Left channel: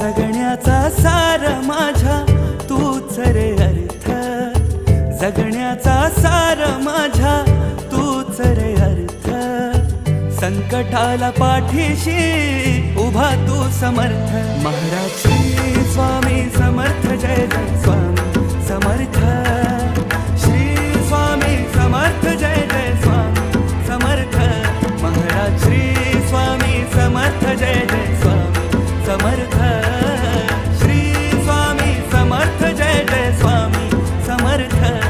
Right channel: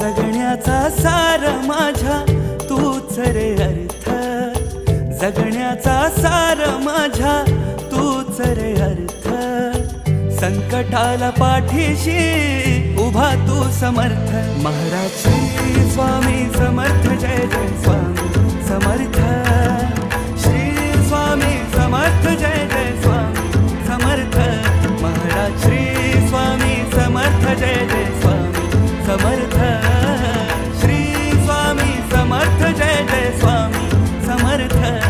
जगण्याचा सार माझ्या तूच रे अर्थ, जगण्याचा सार माझ्या तूच रे अर्थ. संकटाला पाठीशी उभा तू समर्थ. महाराज श्री स्वामी समर्थ, जय जय स्वामी समर्थ. श्री स्वामी समर्थ, जय जय स्वामी समर्थ. महाराज श्री स्वामी समर्थ, जय जय स्वामी समर्थ. श्री स्वामी समर्थ, जय जय स्वामी समर्थ.